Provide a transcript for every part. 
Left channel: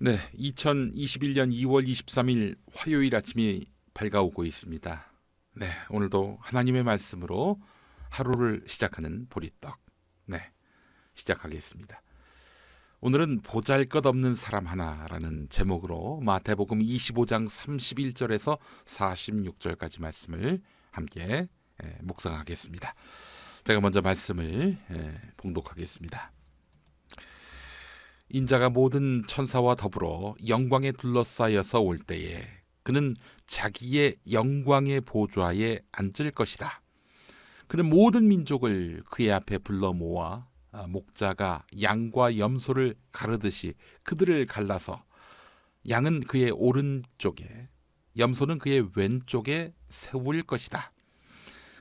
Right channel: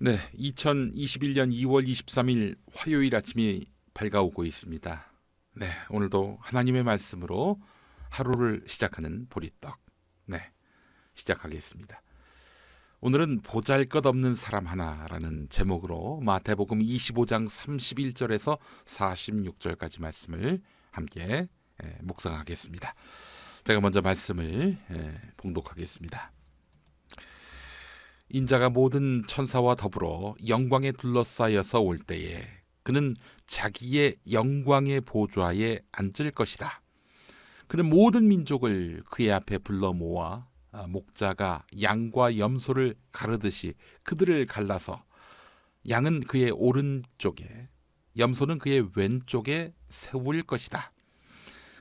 네, 2021년 2월 23일 화요일 아침이 밝아오고 있습니다. 네, 오늘도 하나님의 말씀으로 하루를 시작하는 보리떡. 네, 시작하겠습니다. 오늘은 보잘것없는 사람 하나라는 제목으로 마태복음 25장 31절에서 46절까지 말씀을 함께 묵상하겠습니다. 제가 먼저 말씀을 봉독하겠습니다. 인자가 모든 천사와 더불어 영광에 둘러싸여서 올 때에 그는 자기의 영광의 보좌에 앉을 것이다. 그는 모든 민족을 그의 앞에 불러 모아 목자가 양과 염소를 가르듯이 그들을 갈라서 양은 그의 오른쪽에 염소는 그의 왼쪽에 세울 것이다.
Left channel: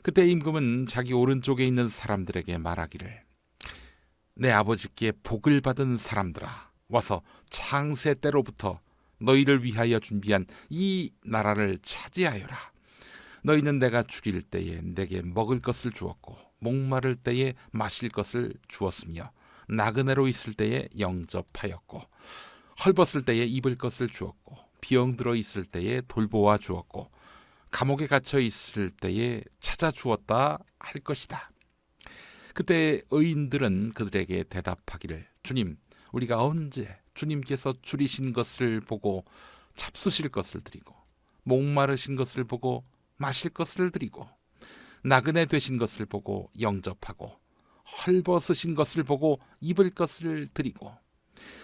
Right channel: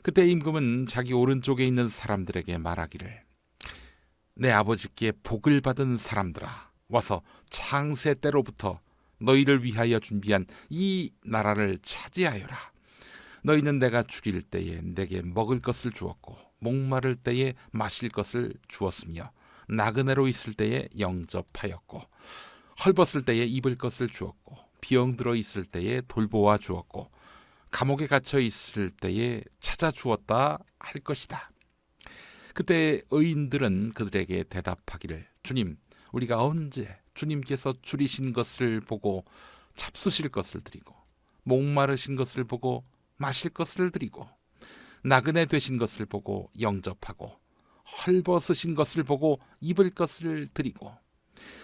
그때 임금은 자기 오른쪽에 있는 사람들에게 말하기를 내 아버지께 복을 받은 사람들아, 와서 창세 때로부터 너희를 위하여 준비한 이 나라를 차지하여라. 너희는 내가 죽일 때에 내게 먹을 것을 주었고 목마를 때에 마실 것을 주었으며 나그네로 있을 때에 영접하였고 헐벗을 때에 입을 것을 주었고 병들어 있을 때에 돌보아 주었고 감옥에 갇혀 있을 때에 찾아 주었다 할 것이다. 그때 의인들은 그들에게 대답하기를 주님, 우리가 언제 주님께서 줄이신 것을 보고 잡수실 것을 드리고 목마르신 것을 보고 마실 것을 드리고 나그네 되신 것을 보고 영접하고 헐벗으신 것을 보고 입을 것을 드리고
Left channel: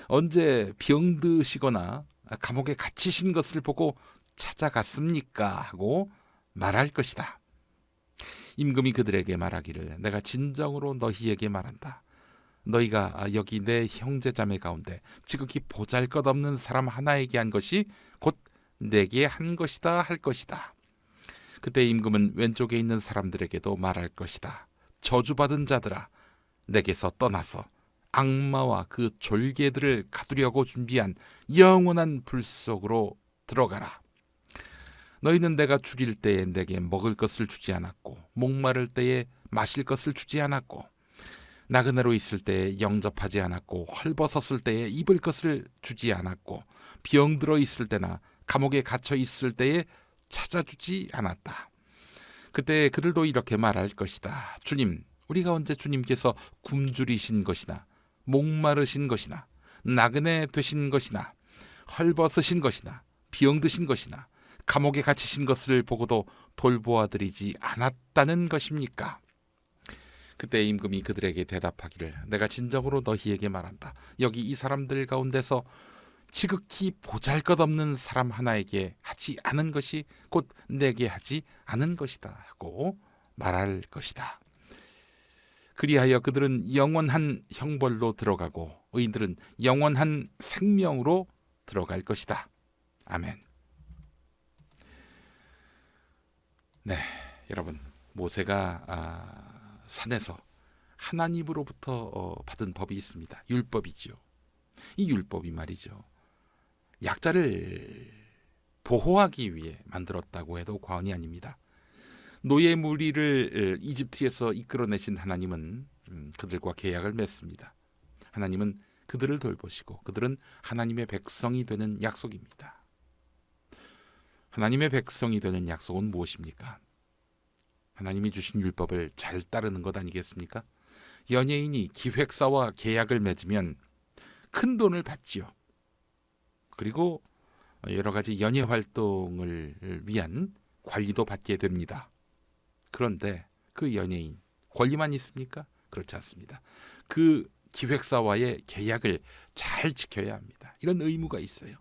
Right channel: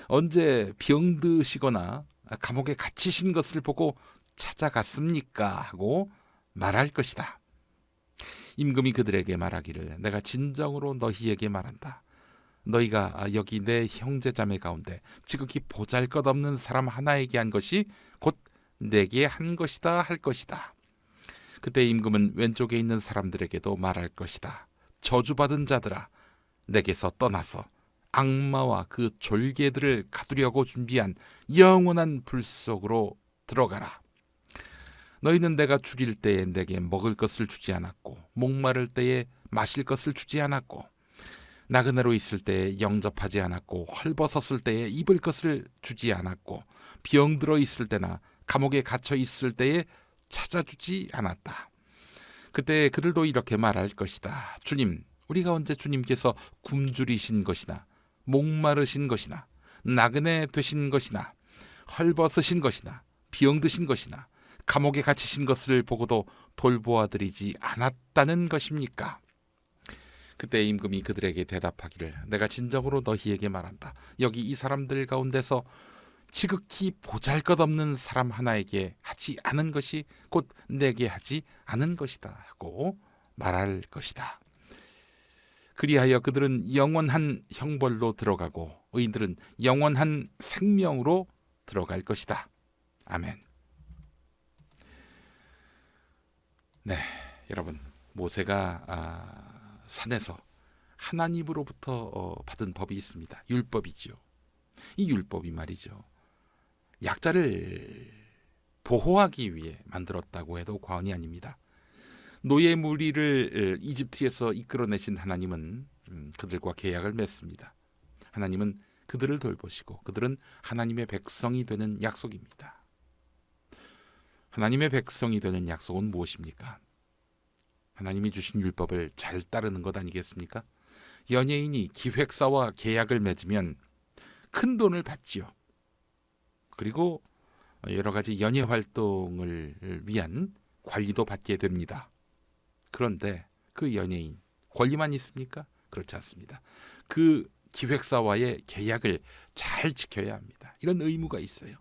언제 병드시거나 감옥에 갇히신 것을 보고 찾아갔습니까? 하고 말할 것이다. 임금이 그들에게 말하기를 내가 진정으로 너희에게 말한다. 너희가 여기 내 형제자매 가운데 지극히 보잘것없는 사람 하나에게 한 것이 곧 내게 한 것이다 할 것이다. 그때 임금은 왼쪽에 있는 사람들에게도 말할 것이다. 저주받은 자들아, 내게서 떠나서 악마와 그 졸개들을 가두려고 준비한 영원한 불 속으로 들어가라. 너희는 내가 죽일 때에 내게 먹을 것을 주지 않았고 목마를 때에 마실 것을 주지 않았고 나그네로 있을 때에 영접하지 않았고 헐벗었을 때에 입을 것을 주지 않았고 병들어 있을 때나 감옥에 갇혀 있을 때에 찾아주지 않았다. 그때 그들도 이렇게 말할 것이다. 주님, 우리가 언제 주님께서 굶주리신 것이나 목마르신 것이나 나그네 되신 것이나 헐벗으신 것이나 병드신 것이나 감옥에 갇히신 것을 보고도 돌보아드리지 않았다는 것입니까? 그때 임금이 그들에게 대답하기를 내가 진정으로 너희에게 말한다. 여기 이 사람들 가운데서 지극히 보잘것없는 사람 하나에게 하지 않은 것이 곧 내게 하지 않은 것이다 하고 말할 것이다. 그리하여 그들은 영원한 형벌로 들어가고 의인들은 영원한 생명으로 들어갈 것이다. 아멘. 네, 여러분, 모세가 산에서 하나님으로부터 받은 법이 있습니다. 율법이지요. 이 율법이 말이죠, 약자를 보호하기 위해 만들었다고 해도 과언이 아닙니다. 노예 무리를 이집트에서 이끌어내신 하나님은 그들과 계약을 맺습니다. 하나님은 그들을 돌보시고 그들은 하나님의 백성이 되는 약속입니다. 하나님의 백성이 되는 약속은 무엇입니까? 하나님이 주신 율법을 잘 따르는 것 아니겠습니까? 연예인이 기획사와 계약을 맺으면 큰 돈을 받지요. 그리고 여러 가지 연예 활동을 위한 관리도 받게 됩니다. 그런데 그 연예인 권리만 있습니까? 그렇지 않습니다. 그 기획사와의 계약을 잘 지켜야 합니다. 이런 의무가 있어요.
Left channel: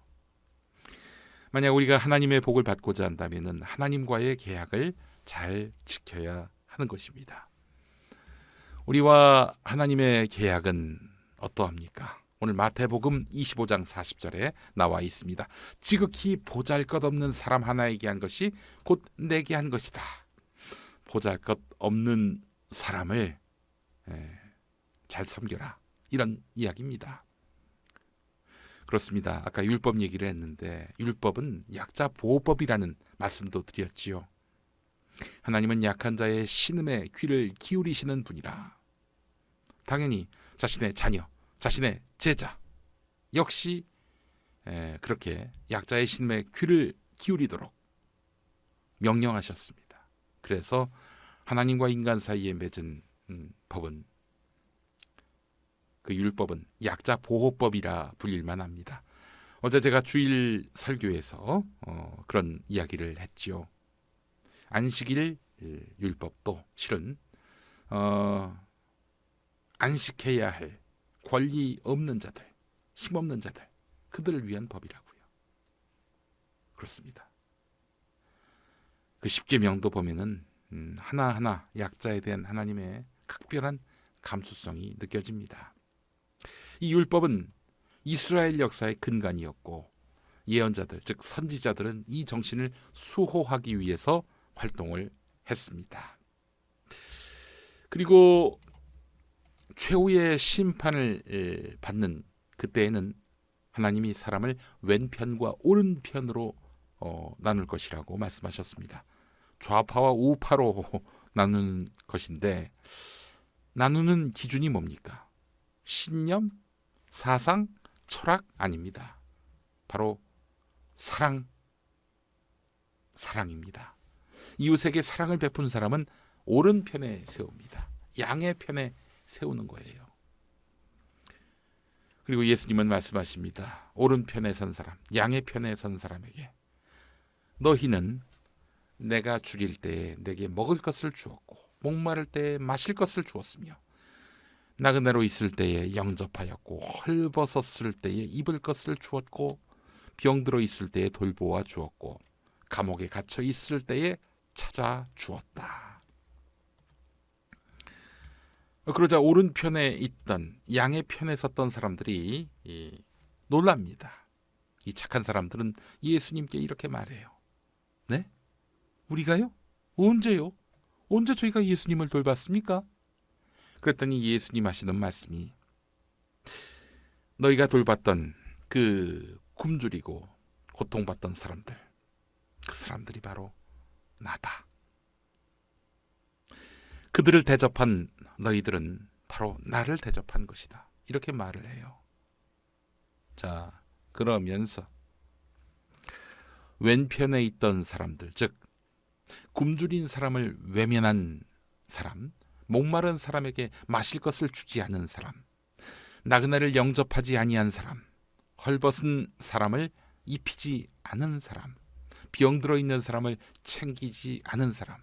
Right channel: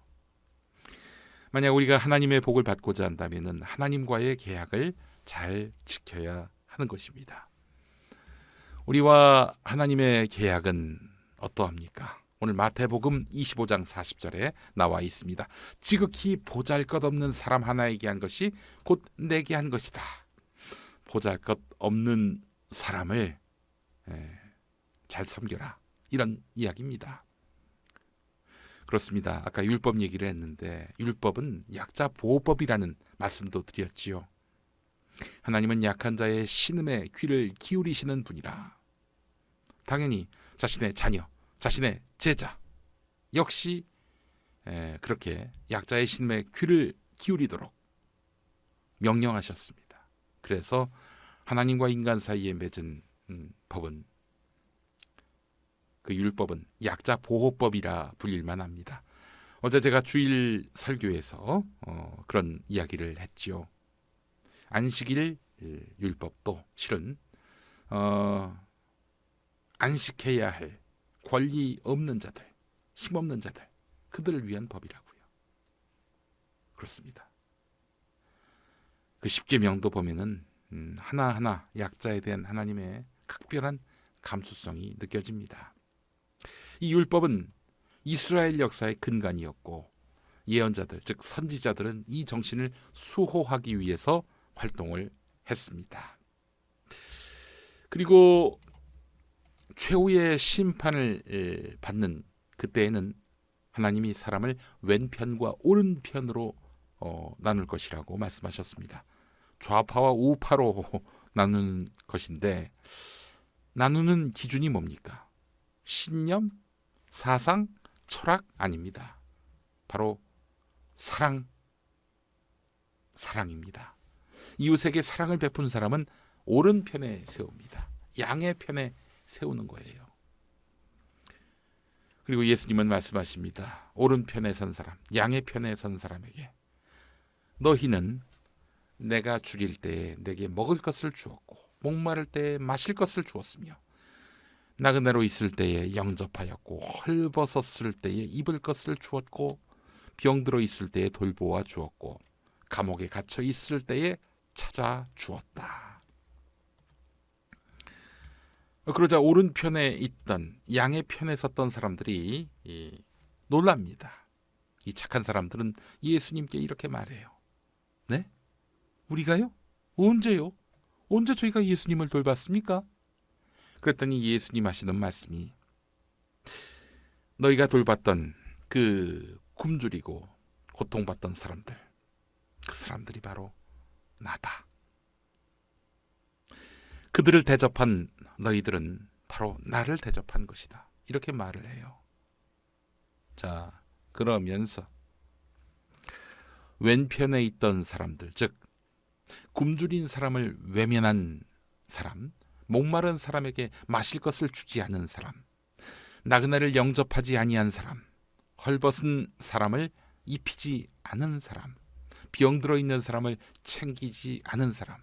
만약 우리가 하나님의 복을 받고자 한다면 하나님과의 계약을 잘 지켜야 하는 것입니다. 우리와 하나님의 계약은 어떠합니까? 오늘 마태복음 25장 40절에 나와 있습니다. 지극히 보잘것없는 사람 하나에게 한 것이 곧 내게 한 것이다. 보잘것없는 사람을 잘 섬겨라, 이런 이야기입니다. 그렇습니다. 아까 율법 얘기를 했는데 율법은 약자 보호법이라는 말씀도 드렸지요. 하나님은 약한 자의 신음에 귀를 기울이시는 분이라. 당연히 자신의 자녀, 자신의 제자 역시 그렇게 약자의 신음에 귀를 기울이도록 명령하셨습니다. 그래서 하나님과 인간 사이에 맺은 법은, 그 율법은 약자 보호법이라 불릴만 합니다. 어제 제가 주일 설교에서 그런 이야기를 했지요. 안식일 율법도 실은 안식해야 할 권리 없는 자들, 힘없는 자들, 그들을 위한 법이라고요. 그렇습니다. 그 십계명도 보면은 하나하나 약자에 대한 하나님의 각별한 감수성이 느껴집니다. 이 율법은 이스라엘 역사의 근간이었고, 예언자들, 즉 선지자들은 이 정신을 수호하기 위해서 활동을 했습니다. 그리고 최후의 심판을 받는 그때에는 하나님이 사람을 왼편과 오른편으로 나눌 것이라고 말씀하셨습니다. 좌파와 우파로 나누는 것인데, 나누는 기준이 뭡니까? 신념, 사상, 철학 아닙니다. 바로 사랑입니다. 이웃에게 사랑을 베푼 사람은 오른편에 세웁니다. 양의 편에 세우는 거예요. 그리고 예수님은 말씀하십니다. 오른편에 선 사람, 양의 편에 선 사람에게 너희는 내가 죽일 때에 내게 먹을 것을 주었고, 목마를 때에 마실 것을 주었으며, 나그네로 있을 때에 영접하였고, 헐벗었을 때에 입을 것을 주었고, 병들어 있을 때에 돌보아 주었고, 감옥에 갇혀 있을 때에 찾아 주었다. 그러자 오른편에 있던, 양의 편에 섰던 사람들이 놀랍니다. 이 착한 사람들은 예수님께 이렇게 말해요. 네? 우리가요? 언제요? 언제 저희가 예수님을 돌봤습니까? 그랬더니 예수님 하시는 말씀이, 너희가 돌봤던 그 굶주리고 고통받던 사람들, 그 사람들이 바로 나다. 그들을 대접한 너희들은 바로 나를 대접한 것이다. 이렇게 말을 해요. 자, 그러면서 왼편에 있던 사람들, 즉 굶주린 사람을 외면한 사람, 목마른 사람에게 마실 것을 주지 않은 사람, 나그네를 영접하지 아니한 사람, 헐벗은 사람을 입히지 않은 사람, 병들어 있는 사람을 챙기지 않은 사람,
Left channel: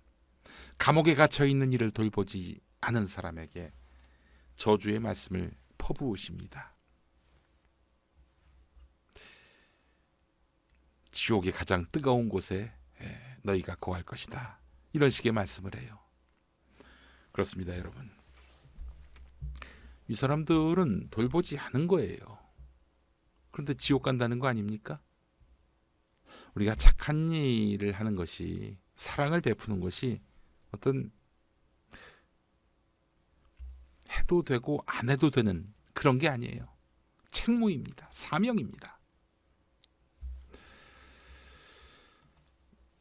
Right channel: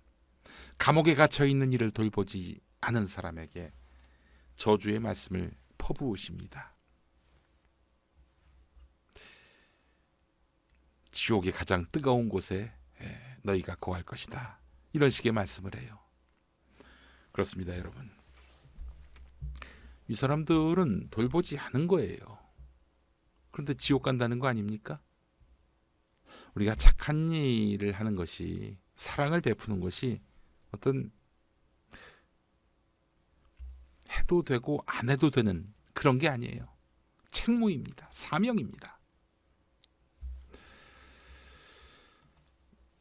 감옥에 갇혀 있는 이를 돌보지 않은 사람에게 저주의 말씀을 퍼부으십니다. 지옥의 가장 뜨거운 곳에 너희가 거할 것이다. 이런 식의 말씀을 해요. 그렇습니다, 여러분. 이 사람들은 돌보지 않은 거예요. 그런데 지옥 간다는 거 아닙니까? 우리가 착한 일을 하는 것이, 사랑을 베푸는 것이 어떤 해도 되고 안 해도 되는 그런 게 아니에요. 책무입니다. 사명입니다.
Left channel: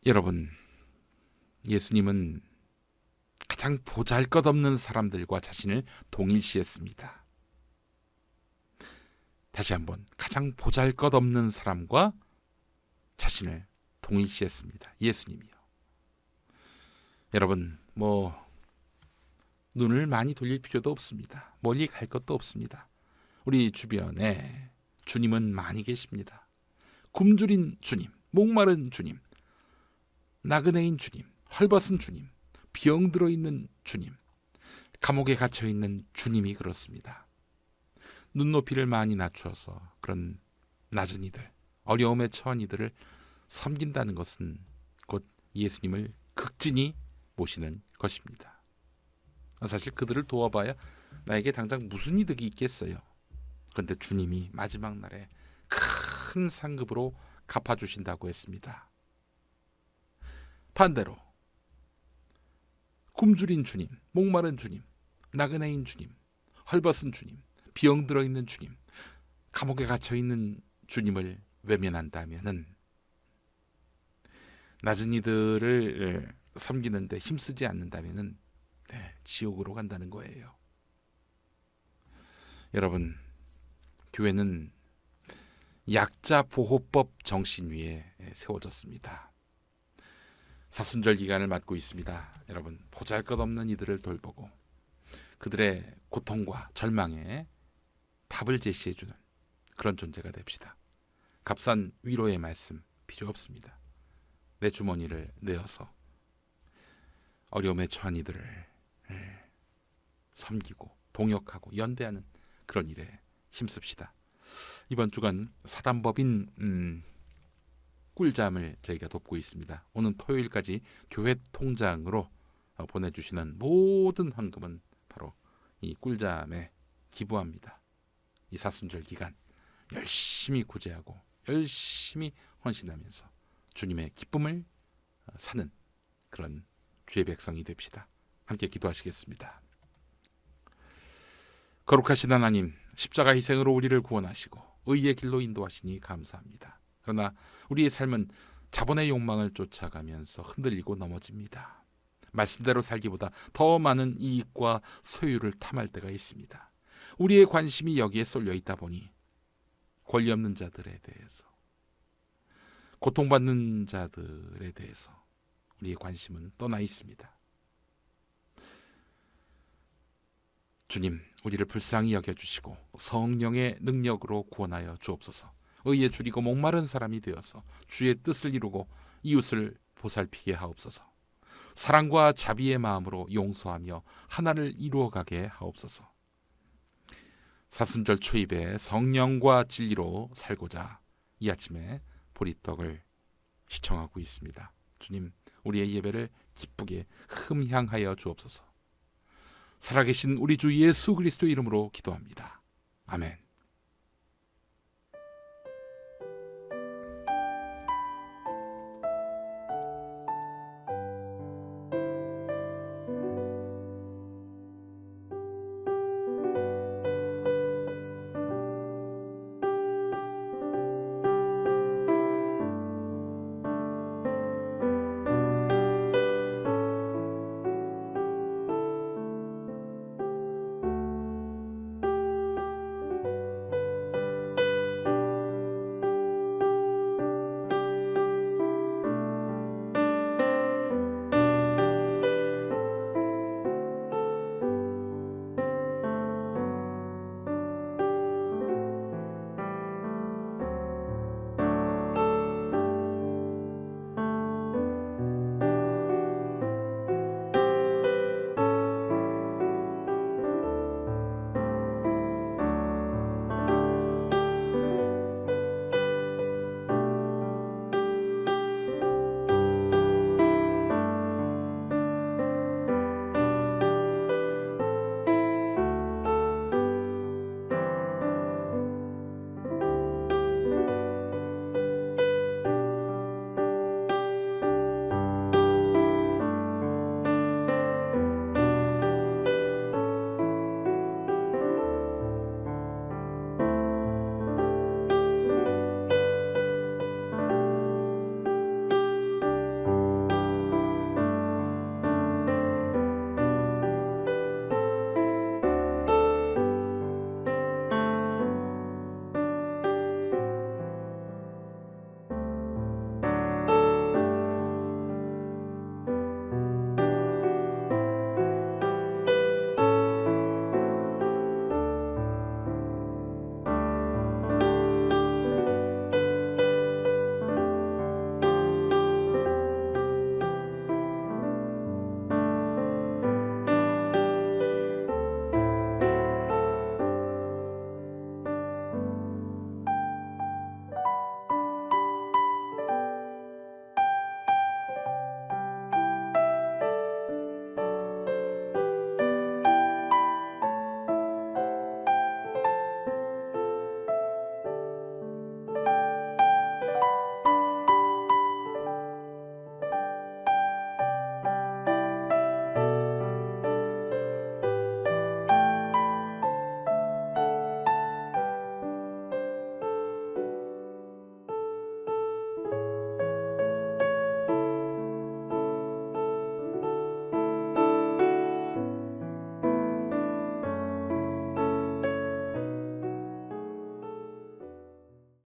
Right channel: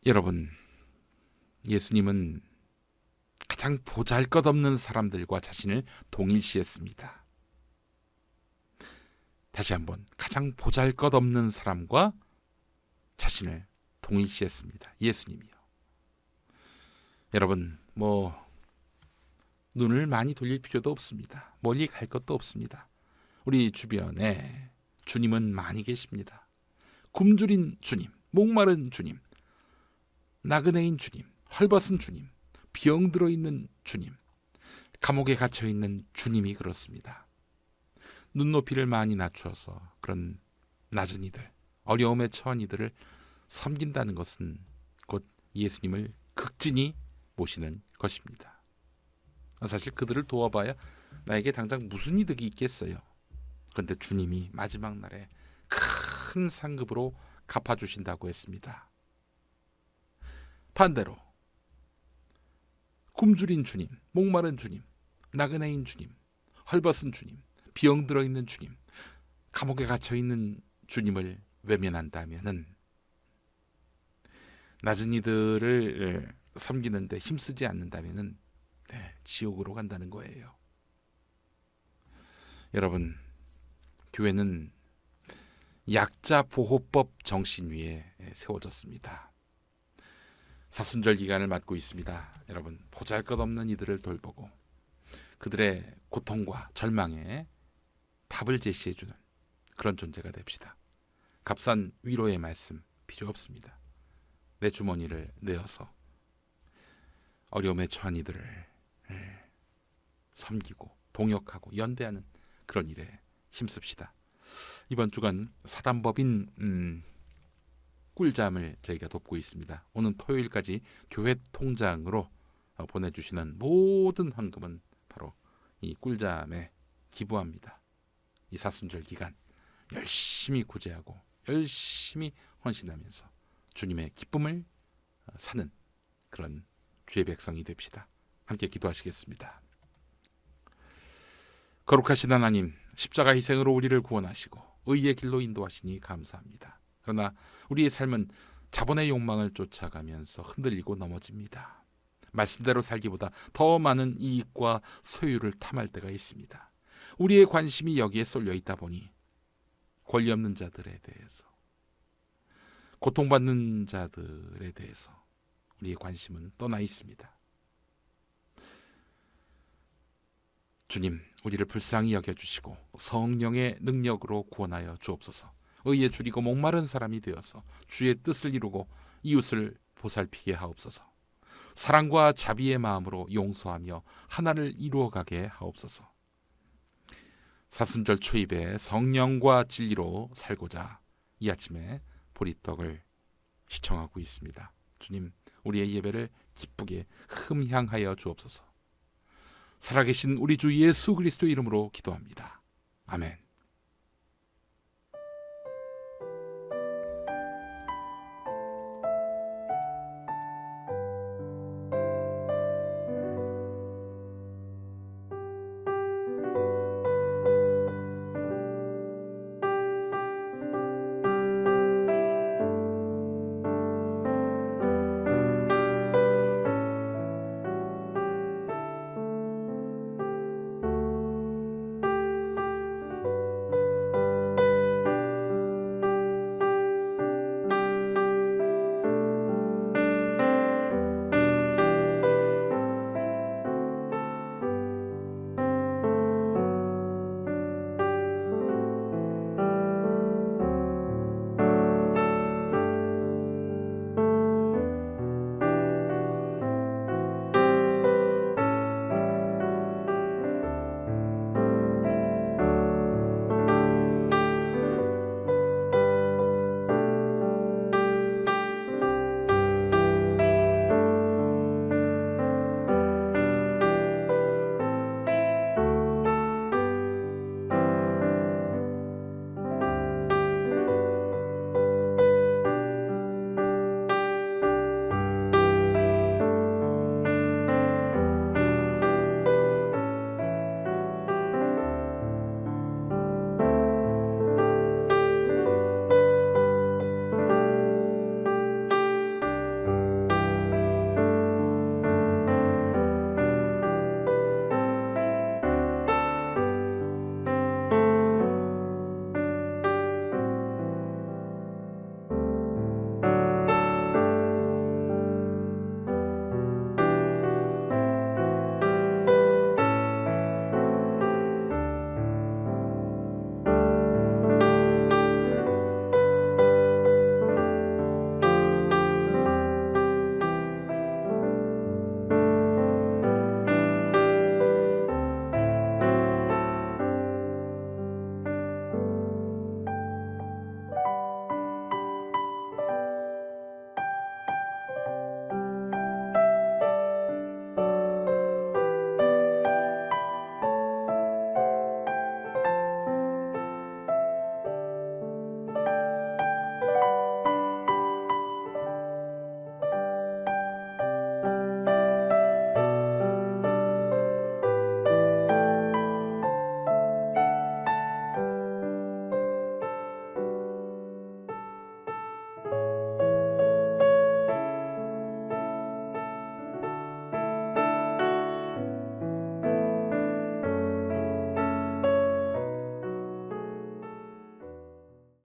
여러분, 예수님은 가장 보잘것없는 사람들과 자신을 동일시했습니다. 다시 한번, 가장 보잘것없는 사람과 자신을 동일시했습니다. 예수님이요. 여러분, 눈을 많이 돌릴 필요도 없습니다. 멀리 갈 것도 없습니다. 우리 주변에 주님은 많이 계십니다. 굶주린 주님, 목마른 주님, 나그네인 주님, 헐벗은 주님, 병들어 있는 주님, 감옥에 갇혀 있는 주님이 그렇습니다. 눈높이를 많이 낮추어서 그런 낮은 이들, 어려움에 처한 이들을 섬긴다는 것은 곧 예수님을 극진히 모시는 것입니다. 사실 그들을 도와봐야 나에게 당장 무슨 이득이 있겠어요. 그런데 주님이 마지막 날에 큰 상급으로 갚아주신다고 했습니다. 반대로 굶주린 주님, 목마른 주님, 나그네인 주님, 헐벗은 주님, 병들어 있는 주님, 감옥에 갇혀 있는 주님을 외면한다면은, 낮은 이들을 섬기는데 힘쓰지 않는다면은 지옥으로 간다는 거예요. 여러분, 교회는 약자 보호법 정신 위에 세워졌습니다. 사순절 기간을 맞고 있습니다. 여러분, 보잘것없는 이들을 돌보고 그들의 고통과 절망에 답을 제시해주는 그런 존재가 됩시다. 값싼 위로의 말씀 필요 없습니다. 내 주머니를 내어서 어려움에 처한 이들을 섬기고 동역하고 연대하는 그런 일에 힘씁시다. 이번 주간 사단법인 꿀잠을 저희가 돕고 있습니다. 오는 토요일까지 교회 통장으로 보내주시는 모든 헌금은 바로 이 꿀잠에 기부합니다. 이 사순절 기간 열심히 구제하고 열심히 헌신하면서 주님의 기쁨을 사는 그런 주의 백성이 됩시다. 함께 기도하시겠습니다. 거룩하신 하나님, 십자가 희생으로 우리를 구원하시고 의의 길로 인도하시니 감사합니다. 그러나 우리의 삶은 자본의 욕망을 쫓아가면서 흔들리고 넘어집니다. 말씀대로 살기보다 더 많은 이익과 소유를 탐할 때가 있습니다. 우리의 관심이 여기에 쏠려 있다 보니 권리 없는 자들에 대해서, 고통받는 자들에 대해서 우리의 관심은 떠나 있습니다. 주님, 우리를 불쌍히 여겨주시고 성령의 능력으로 구원하여 주옵소서. 의에 줄이고 목마른 사람이 되어서 주의 뜻을 이루고 이웃을 보살피게 하옵소서. 사랑과 자비의 마음으로 용서하며 하나를 이루어가게 하옵소서. 사순절 초입에 성령과 진리로 살고자 이 아침에 보리떡을 시청하고 있습니다. 주님, 우리의 예배를 기쁘게 흠향하여 주옵소서. 살아계신 우리 주 예수 그리스도 이름으로 기도합니다. 아멘.